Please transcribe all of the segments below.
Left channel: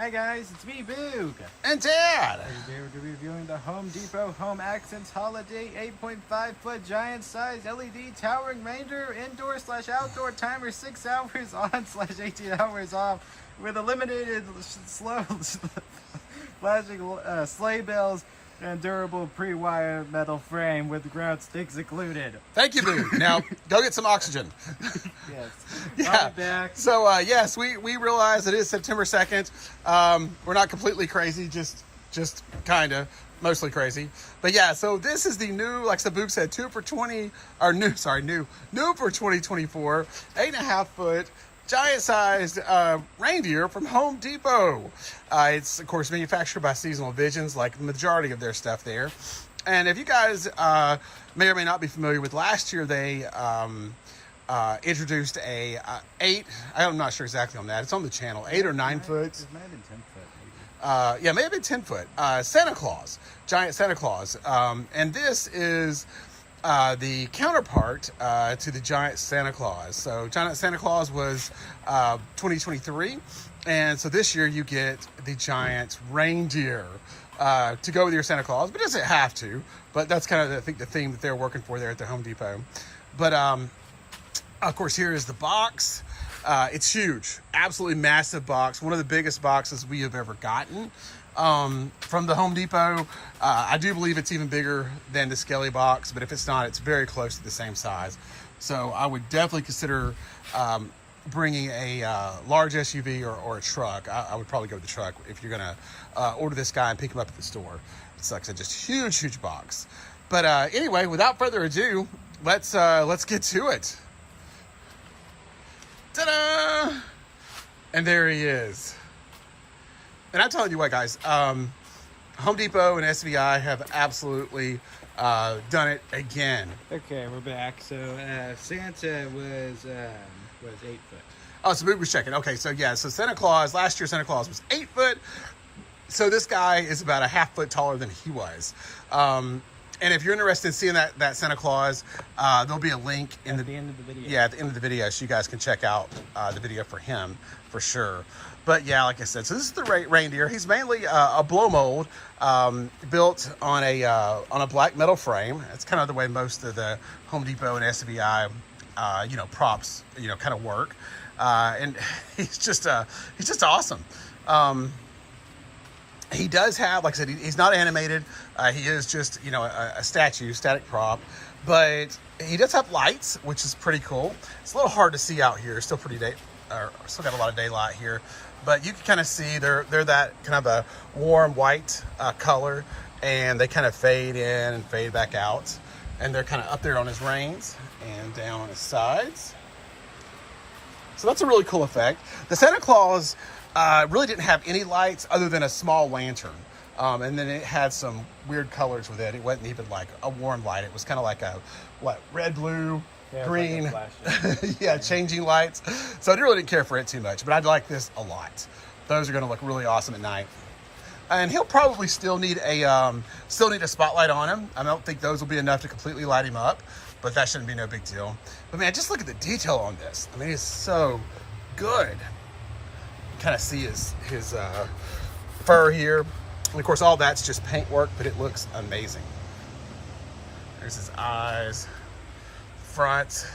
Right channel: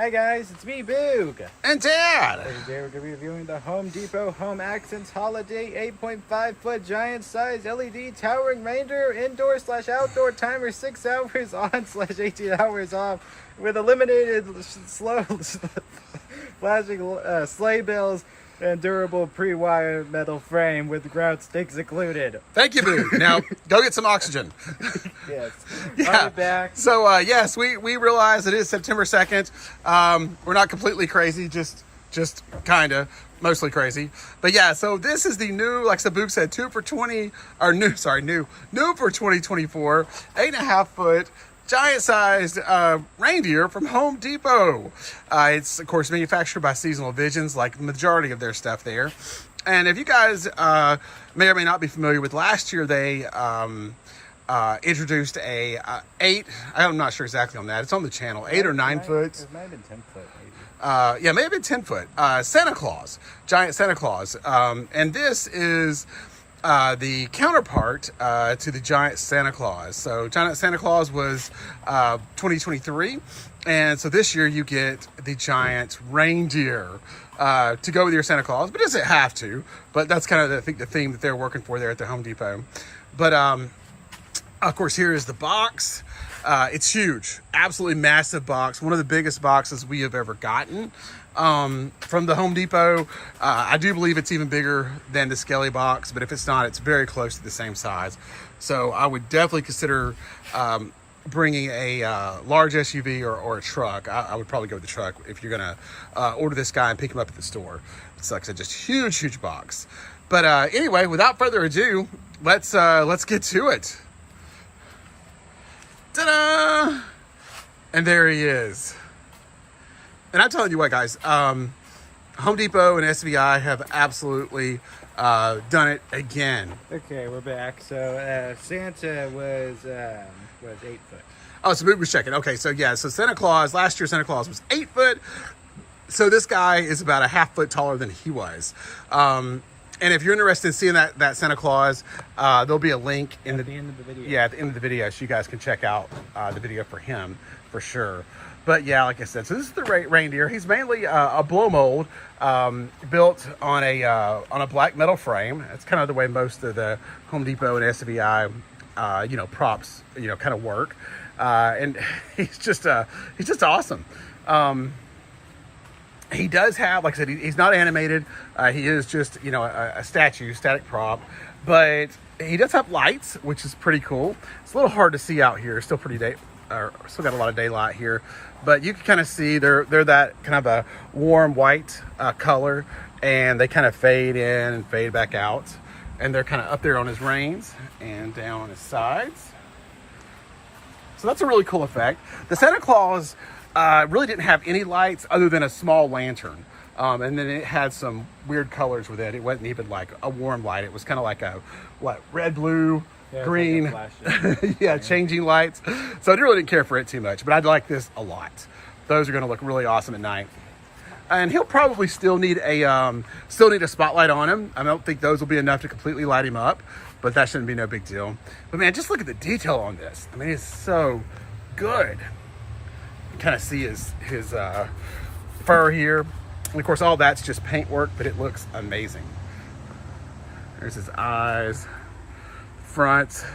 Hi guys, it's me, Boog. And Dad. Today we're going to be reviewing the Home Depot Home Accents Holiday 8.5 foot giant size LED Towering Reindeer indoor/outdoor timer 6 hours on/18 hours off with eliminated slow flashing sleigh bells and durable pre-wire metal frame with ground sticks included. Thank you, Boo. Now, go get some oxygen. Yes. Yeah. I'll be back. So, yes, we realize it is September 2nd. We're not completely crazy, just kind of, mostly crazy. But yeah, so this is the new, like Boog said, new for 2024, 8.5 foot, giant-sized reindeer from Home Depot. It's, of course, manufactured by Seasonal Visions, like the majority of their stuff there. And if you guys may or may not be familiar with, last year they introduced a 8, I'm not sure exactly on that, it's on the channel, 8 or 9 foot. It might have been 10 foot, maybe. Yeah, may have been 10 foot. Santa Claus, giant Santa Claus. And this is the counterpart to the giant Santa Claus. So giant Santa Claus was 2023, and so this year you get the giant reindeer to go with your Santa Claus, but it doesn't have to. But that's kind of, I think, the theme that they're working for there at the Home Depot. But of course, here is the box. It's huge, absolutely massive box, one of the biggest boxes we have ever gotten from the Home Depot. I do believe it's even bigger than the Skelly box, but if it's not, it's very close to the same size. So I would definitely consider bringing a large SUV or a truck. I would probably go with the truck if you're gonna order this guy and pick him up at the store. It's like I said, just huge box. But anyway, without further ado, let's get to it. Ta-da! And there he is. And I'm telling you what, guys, Home Depot and SVI have absolutely done it again. Okay, we're back. So Santa was 8 foot. Oh, so Boog was checking. Okay, so yeah, so Santa Claus, last year Santa Claus was 8 foot. So this guy is about a half foot taller than he was. And if you're interested in seeing that Santa Claus, there'll be a link at the end of the video. Yeah, at the end of the video, so you guys can check out the video for him for sure. But yeah, like I said, so this is the reindeer. He's mainly a blow mold built on a black metal frame. That's kind of the way most of the Home Depot and SVI props kind of work. And he's just awesome. He does have, like I said, he's not animated. He is just, a static prop. But he does have lights, which is pretty cool. It's a little hard to see out here. Still still got a lot of daylight here. But you can kind of see they're that kind of a warm white color. And they kind of fade in and fade back out. And they're kind of up there on his reins and down on his sides. So that's a really cool effect. The Santa Claus really didn't have any lights other than a small lantern. And then it had some weird colors with it. It wasn't even like a warm light. It was kind of like a, red, blue, green. Like yeah, changing lights. So I really didn't care for it too much, but I like this a lot. Those are gonna look really awesome at night. And he'll probably still need a spotlight on him. I don't think those will be enough to completely light him up, but that shouldn't be no big deal. But man, just look at the detail on this. I mean, it's so good. Kind of see his fur here, and of course all that's just paint work, but it looks amazing. There's his eyes, front,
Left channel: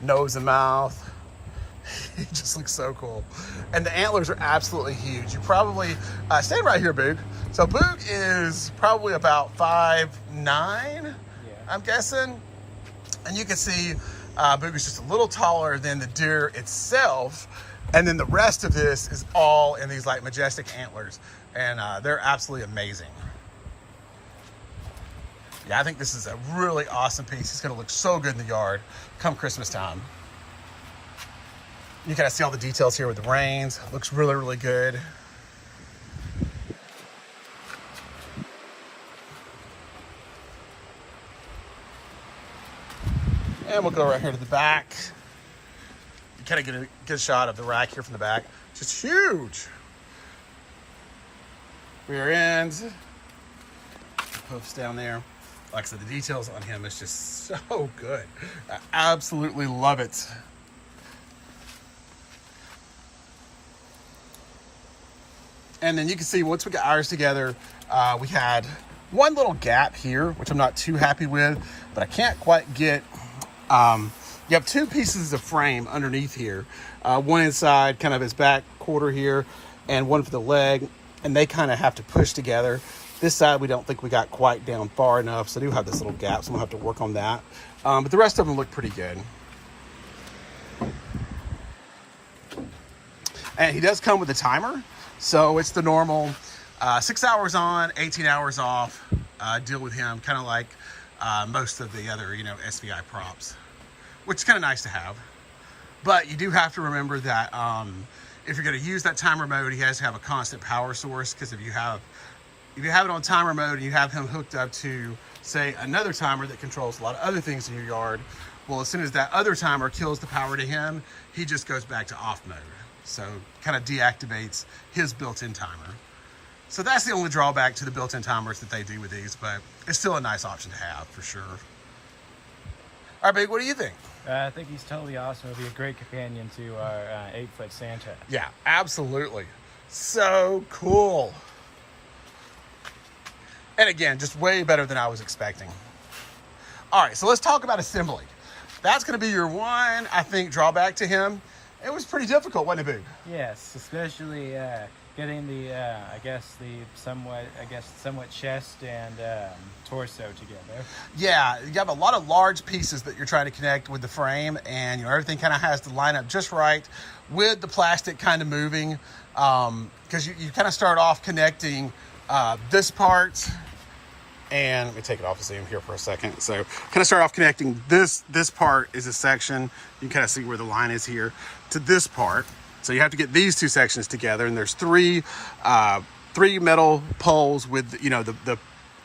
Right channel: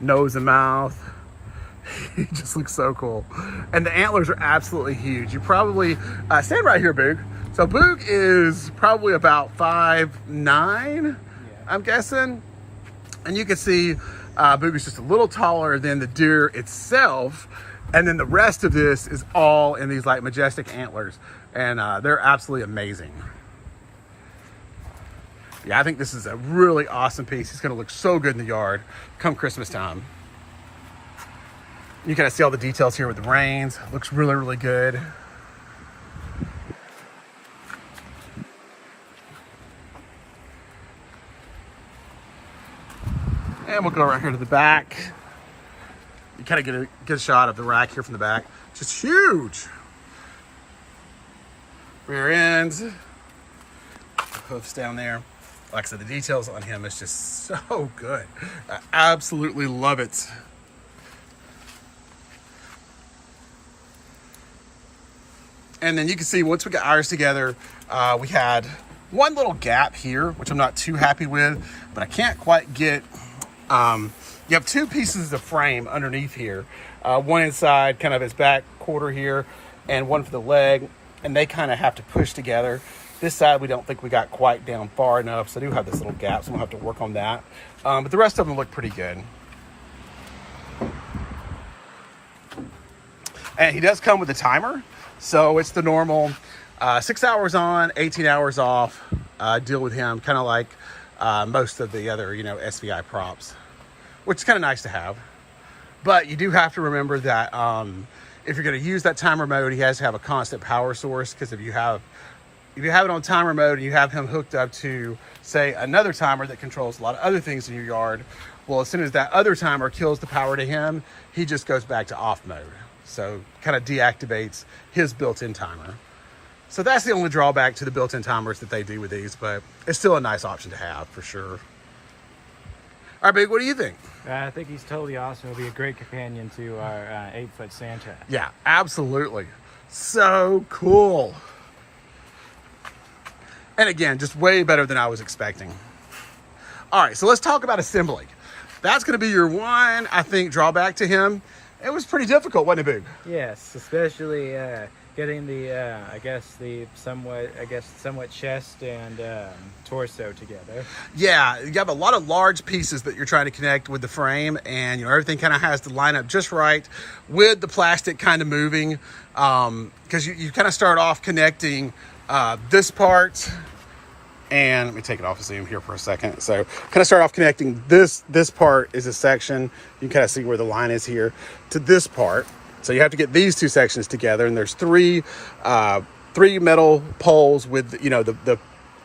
nose and mouth. He just looks so cool. And the antlers are absolutely huge. You probably stand right here, Boog. So Boog is probably about 5'9", I'm guessing, and you can see Boog is just a little taller than the deer itself. And then the rest of this is all in these like majestic antlers, and they're absolutely amazing. Yeah, I think this is a really awesome piece. It's gonna look so good in the yard come Christmas time. You kind of see all the details here with the reins. It looks really good. And we'll go right here to the back. You kind of get a good shot of the rack here from the back. Just huge. Rear ends. Hoofs down there. Like I said, the details on him is just so good. I absolutely love it. And then you can see once we got ours together, we had one little gap here, which I'm not too happy with, but I can't quite get, you have two pieces of frame underneath here. One inside kind of his back quarter here and one for the leg, and they kind of have to push together. This side, we don't think we got quite down far enough, so I do have this little gap, so I'm gonna have to work on that. But the rest of them look pretty good. And he does come with a timer. So it's the normal 6 hours on, 18 hours off deal with him, kind of like most of the other, SVI props, which is kind of nice to have. But you do have to remember that if you're going to use that timer mode, he has to have a constant power source, because if you have it on timer mode and you have him hooked up to, say, another timer that controls a lot of other things in your yard, well, as soon as that other timer kills the power to him, he just goes back to off mode. So kind of deactivates his built-in timer. So that's the only drawback to the built-in timers that they do with these, but it's still a nice option to have for sure. All right, Big, what do you think? I think he's totally awesome. He'll be a great companion to our 8-foot Santa. Yeah, absolutely. So cool. And again, just way better than I was expecting. All right, so let's talk about assembly. That's going to be your one, I think, drawback to him. It was pretty difficult, wasn't it, Big? Yes, especially getting the, somewhat chest and torso together. Yeah, you have a lot of large pieces that you're trying to connect with the frame, and everything kind of has to line up just right with the plastic kind of moving, because you kind of start off connecting this part. And let me take it off and see him here for a second. So kind of start off connecting this part is a section. You can kind of see where the line is here to this part. So you have to get these two sections together, and there's three metal poles with,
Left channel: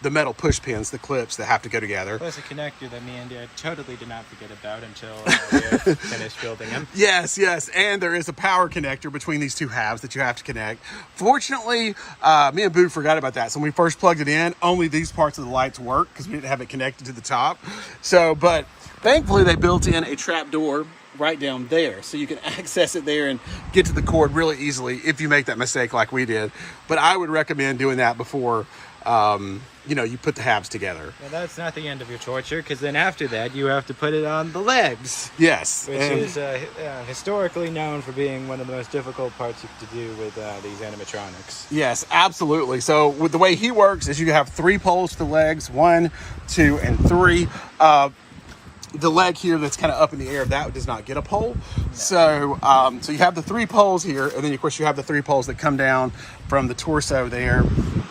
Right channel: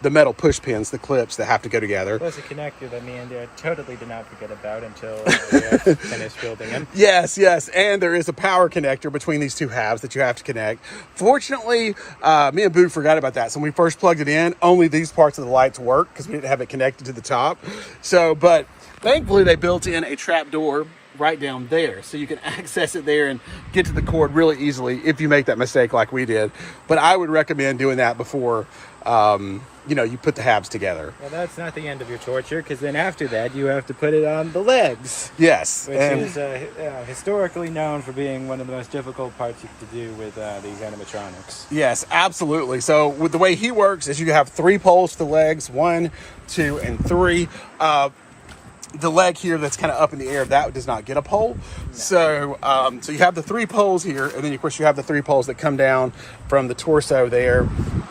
the metal push pins, the clips that have to go together. Plus a connector that me and Dad totally did not forget about until we finished building them. Yes, and there is a power connector between these two halves that you have to connect. Fortunately, me and Boog forgot about that. So when we first plugged it in, only these parts of the lights work because we didn't have it connected to the top. So, but thankfully they built in a trap door right down there, so you can access it there and get to the cord really easily if you make that mistake like we did. But I would recommend doing that before you put the halves together. Well, that's not the end of your torture, because then after that you have to put it on the legs. Yes. Which is historically known for being one of the most difficult parts you have to do with these animatronics. Yes, absolutely. So with the way he works is you have 3 poles for the legs, 1, 2, and 3. The leg here that's kind of up in the air, that does not get a pole. No. So you have the 3 poles here, and then of course you have the 3 poles that come down from the torso there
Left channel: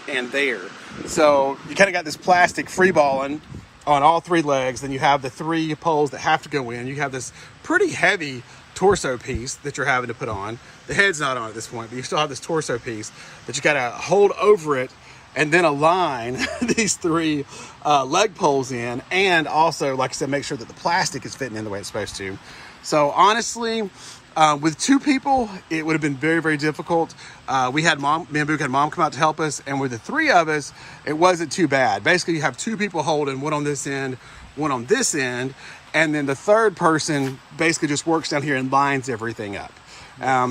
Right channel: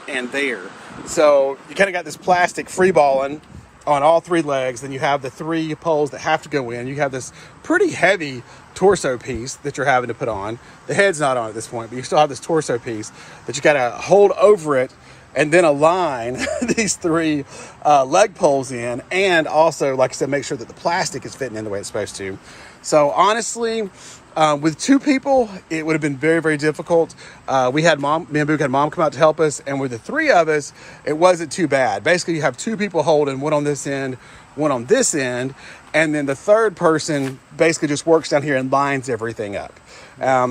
and there. So you kind of got this plastic free balling on all 3 legs. Then you have the 3 poles that have to go in. You have this pretty heavy torso piece that you're having to put on. The head's not on at this point, but you still have this torso piece that you got to hold over it and then align these 3 leg poles in, and also, like I said, make sure that the plastic is fitting in the way it's supposed to. So honestly, with 2 people, it would have been very, very difficult. Me and Boog had Mom come out to help us, and with the 3 of us, it wasn't too bad. Basically, you have 2 people holding, one on this end, one on this end, and then the third person basically just works down here and lines everything up.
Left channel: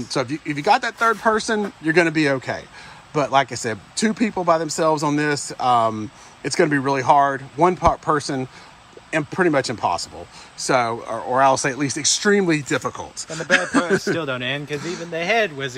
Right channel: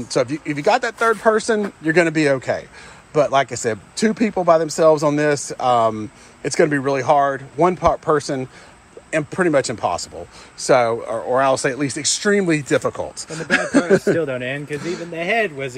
So if you got that third person, you're going to be okay. But like I said, 2 people by themselves on this, it's going to be really hard. One person, and pretty much impossible. So, or I'll say at least extremely difficult. And the bad part still don't end, because even the head was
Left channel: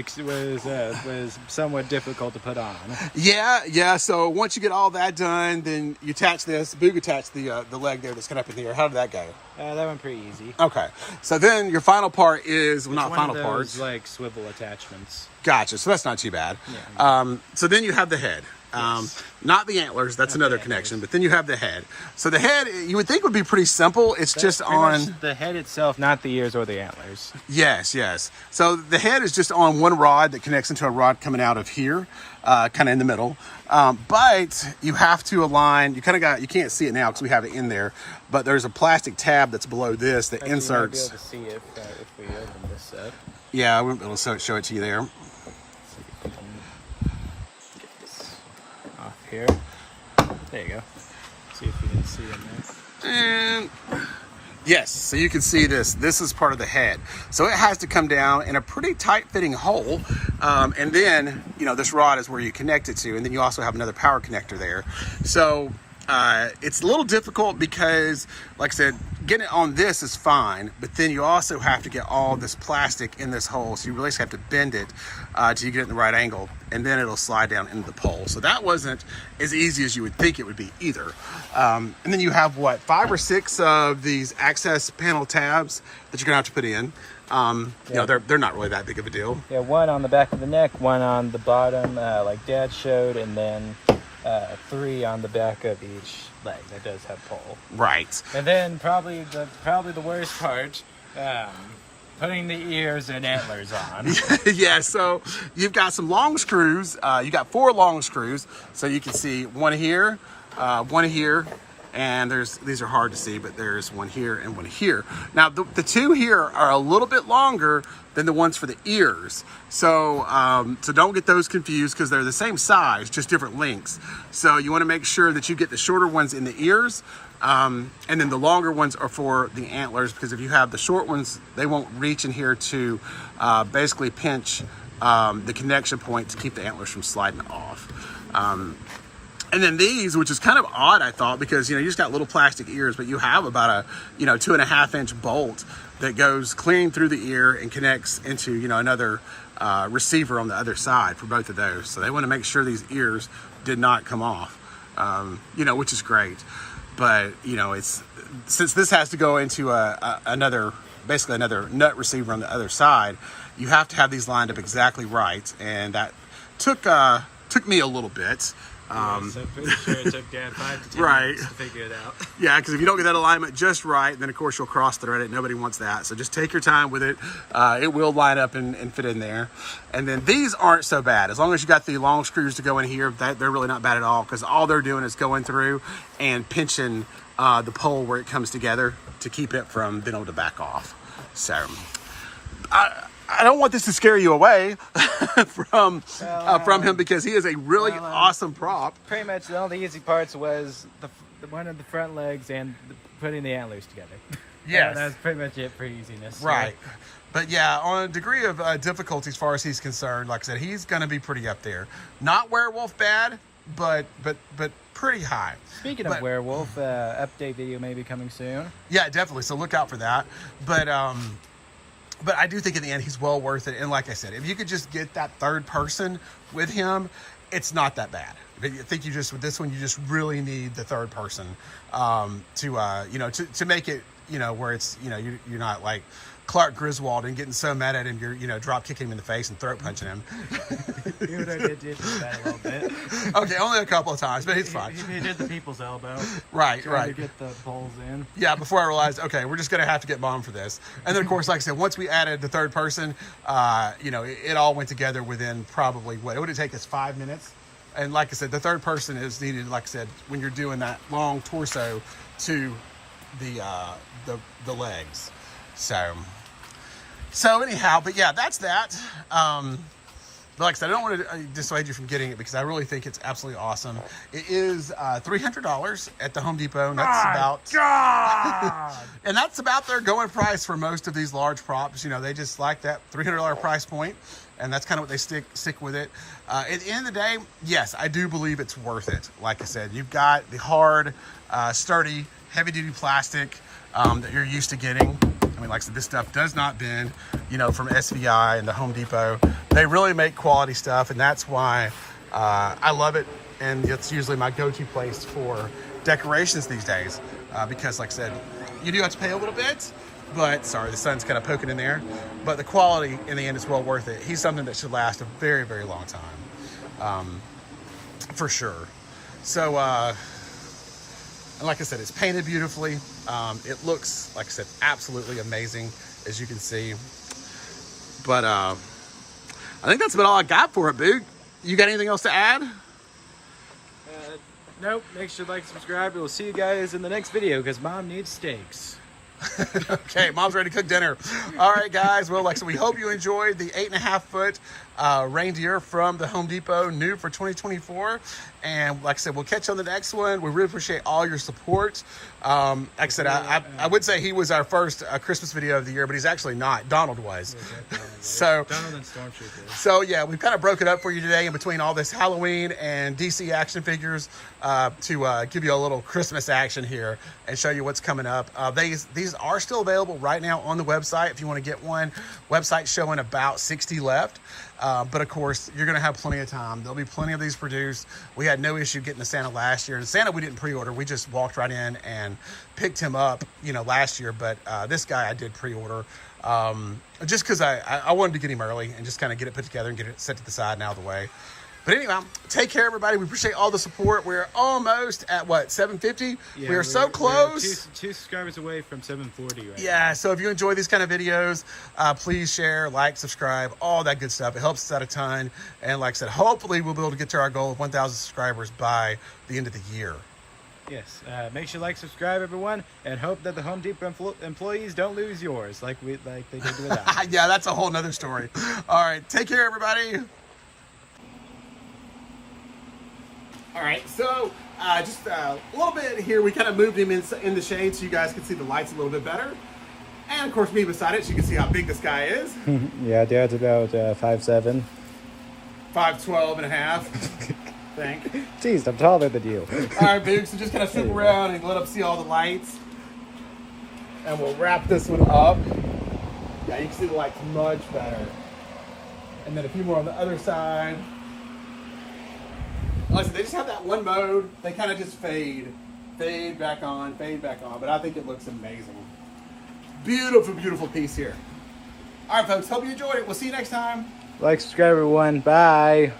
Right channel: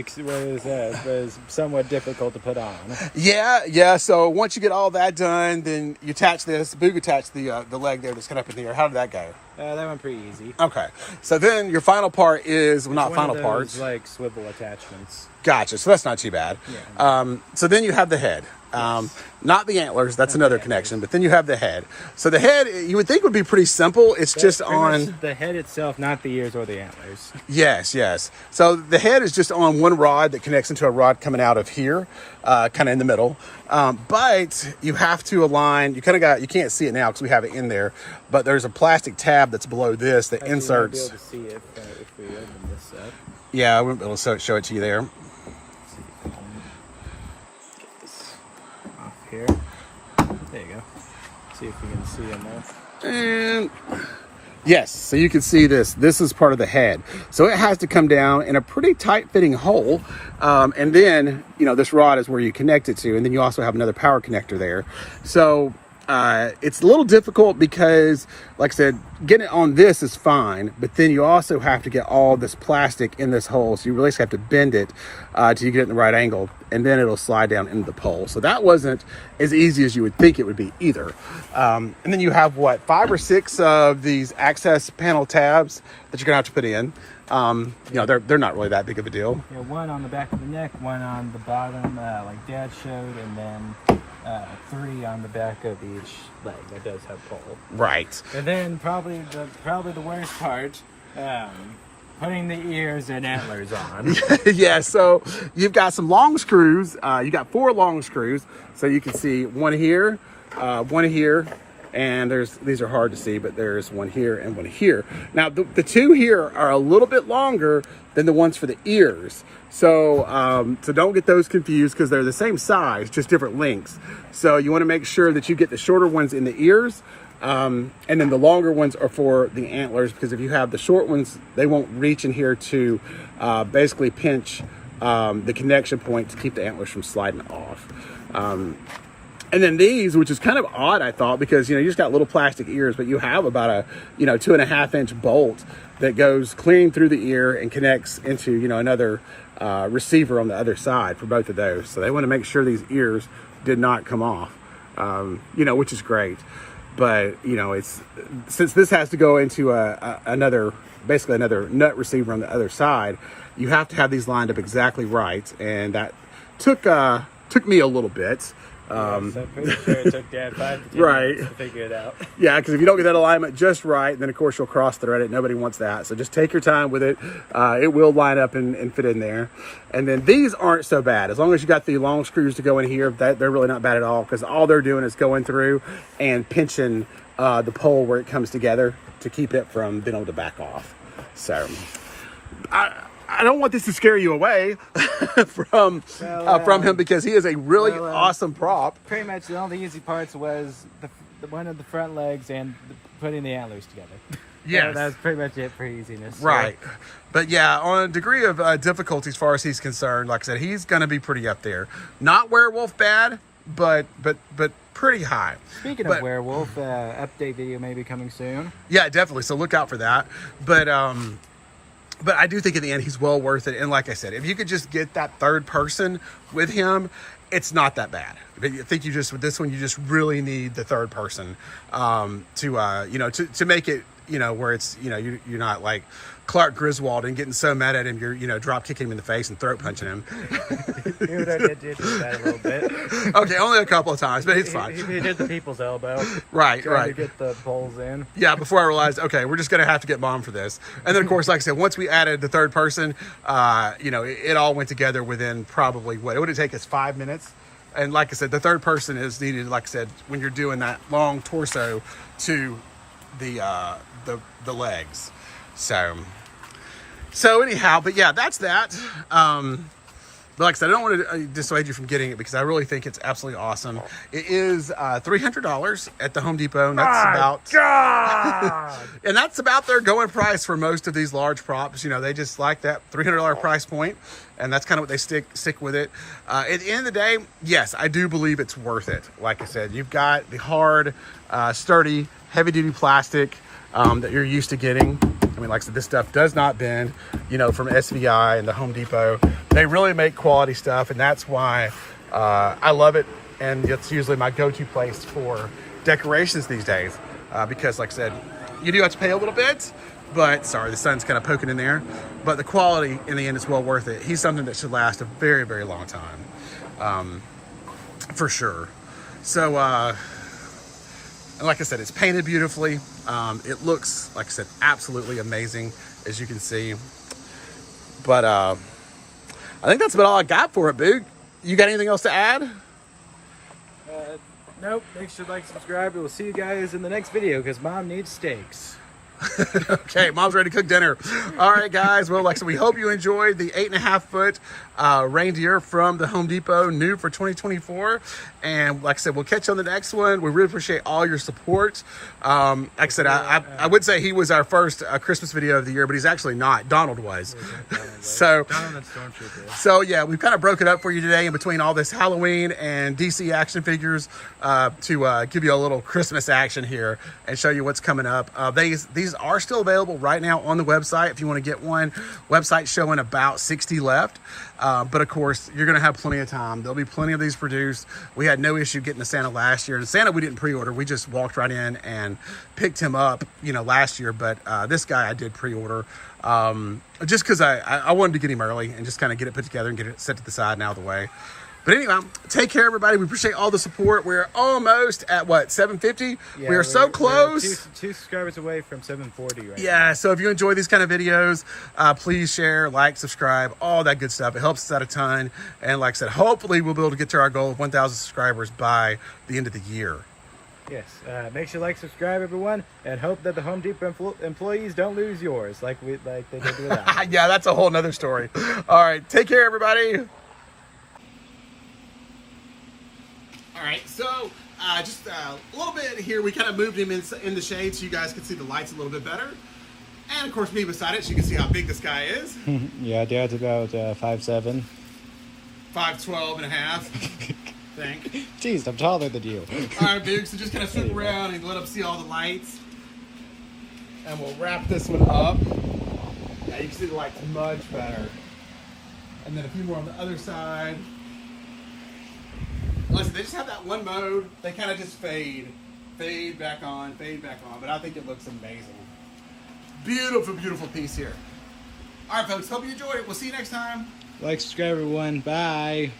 somewhat difficult to put on. Yeah. So once you get all that done, then you attach this. Boog attached the leg there that's kind of up in the air. How did that go? That went pretty easy. Okay. So then your final part is, well, not final parts, parts. Like swivel attachments. Gotcha. So that's not too bad. Yeah. So then you have the head. Yes. Not the antlers, that's another connection, but then you have the head. So the head, you would think would be pretty simple. It's just on the head itself, not the ears or the antlers. Yes. So the head is just on one rod that connects into a rod coming out of here, kind of in the middle. But you have to align, you can't see it now because we have it in there, but there's a plastic tab that's below this that inserts. You might be able to see it if we open this up. Yeah, I wouldn't be able to show it to you there. Here. There you go. See if we can see in there. And Yes, so you can see this. This is part of the head. So it has to come down in a pretty tight-fitting hole. And then, you know, this rod is where you connect it to. And then you also have another power connector there. So it's a little difficult because, like I said, getting it on this is fine. But then you also have to get all this plastic in this hole. So you really just have to bend it till you get it in the right angle. And then it'll slide down into the pole. So that wasn't as easy as you would think it would be either. And then you have, what, 5 or 6 of these access panel tabs that you're gonna have to put in. You know, they're not really that big of a deal. Yeah, one on the back of the neck, one on the bottom, like Dad showed, and then 3 on the back of each leg that does have pole. Right. And then probably the worst part, putting the ears and antlers on. Yeah, so you've got some long screws. You got 4 long screws. So you can see one here, and these are hard to see, but there's one here and one here. Now the 2 here are a little bit longer than the ones for the ears. So so don't get those confused because they're the same size, just different lengths. So you want to make sure that you get the shorter ones in the ears. And then the longer ones are for the antlers, because if you have the short ones, they won't reach in here to basically pinch the connection point to keep the antlers from sliding off. And then these, which is kind of odd, I thought, because, you know, you just got little plastic ears, but you have about a, you know, 2.5-inch bolt that goes clean through the ear and connects into, you know, another receiver on the other side for both of those. So they want to make sure these ears did not come off, you know, which is great. But, you know, it's, since this has to go into basically another nut receiver on the other side, you have to have these lined up exactly right. And that took me a little bit. So I'm pretty sure it took Dad 5 to 10 minutes to figure it out. Yeah, because if you don't get that alignment just right, then of course you'll cross thread it. Nobody wants that. So just take your time with it. It will line up and fit in there. And then these aren't so bad. As long as you got the long screws to go in here, they're really not bad at all, because all they're doing is going through and pinching the pole where it comes together to keep it from being able to back off. So I don't want this to scare you away from him, because he is a really awesome prop. Pretty much the only easy parts was the one of the front legs and putting the antlers together. Yeah, that's pretty much it for easiness. Right. So. But yeah, on a degree of difficulty as far as he's concerned, like I said, he's going to be pretty up there. Not werewolf bad, but pretty high. Speaking of werewolf, update video may be coming soon. Yeah, definitely. So look out for that. But I do think in the end, he's well worth it. And like I said, if you could just get that third person with him, it's not that bad. I think you just, with this one, you just really need the third person to make it, you know, where it's, you know, you're not like Clark Griswold and getting so mad at him, you're, you know, drop kicking him in the face and throat punching him. Even though I did that a little bit. Okay, only a couple of times, but it's fine. He did the people's elbow. Right. To get the poles in. Yeah, before I realized, okay, we're just going to have to get Mom for this. And then, of course, like I said, once we added the third person, you know, it all went together within probably, what, it would take us 5 minutes. And like I said, the third person is needed, like I said, when you're doing that long torso to the legs. So anyhow, but yeah, that's that. But like I said, I don't want to dissuade you from getting it, because I really think it's absolutely awesome. It is $300 at the Home Depot. And that's and that's about their going price for most of these large props. You know, they just like that $300 price point, and that's kind of what they stick with it. At the end of the day, yes, I do believe it's worth it. Like I said, you've got the hard, sturdy, heavy-duty plastic that you're used to getting. I mean, like I said, this stuff does not bend, you know, from SVI and the Home Depot. They really make quality stuff, and that's why I love it. And it's usually my go-to place for decorations these days, because like I said, you do have to pay a little bit, but sorry, the sun's kind of poking in there, but the quality in the end is well worth it. He's something that should last a very, very long time, for sure. So, and like I said, it's painted beautifully. It looks, like I said, absolutely amazing, as you can see. But I think that's about all I got for it, Boog. You got anything else to add? Nope. Make sure to like, subscribe. We'll see you guys in the next video, because Mom needs steaks. Okay, Mom's ready to cook dinner. All right, guys. Well, like I said, we hope you enjoyed the 8.5 foot reindeer from the Home Depot, new for 2024. And like I said, we'll catch you on the next one. We really appreciate all your support. Like I said, I would say he was our first Christmas video of the year, but he's actually not. Donald was. So Donald and Stormtrooper. So yeah, we've kind of broken up for you today in between all this Halloween and DC action figures to give you a little Christmas action here and show you what's coming up. These are still available right now on the website if you want to get one. Website showing about 60 left. But of course, you're going to have plenty of time. There'll be plenty of these produced. We had no issue getting to Santa last year. And Santa, we didn't pre-order. We just walked right in and picked him up, you know, last year. But this guy I did pre-order just because I wanted to get him early and just kind of get it put together and get it set to the side and out of the way. But anyway, take care, everybody. We appreciate all the support. We're almost at, what, 750? Yeah, we're so close. We're two subscribers away from 740 right Yeah, now. so if you enjoy these kind of videos, please share, like, subscribe, all that good stuff. It helps us out a ton. And like I said, hopefully we'll be able to get to our goal of 1,000 subscribers by the end of the year. Yes, make sure you like, subscribe, everyone, and hope that the Home Depot employees don't lose yours like they did with us. Yeah, that's a whole nother story. All right, take care, everybody. All right, so just a little bit here. We kind of moved him in the shade so you guys can see the lights a little bit better. And of course, me beside it, so you can see how big this guy is. Yeah, Dad's about 5'7". 5'12" and a half. Think. Jeez, I'm taller than you. All right, Boog, so just kind of flip around and let them see all the lights. And we'll wrap this one up. Yeah, you can see the lights much better. And then a few more on the other side. Like I said, they just have that one mode. They kind of just fade back on, fade back on. But I think it looks amazing. Beautiful, beautiful piece here. All right, folks, hope you enjoyed it. We'll see you next time. Like, subscribe, everyone. Bye.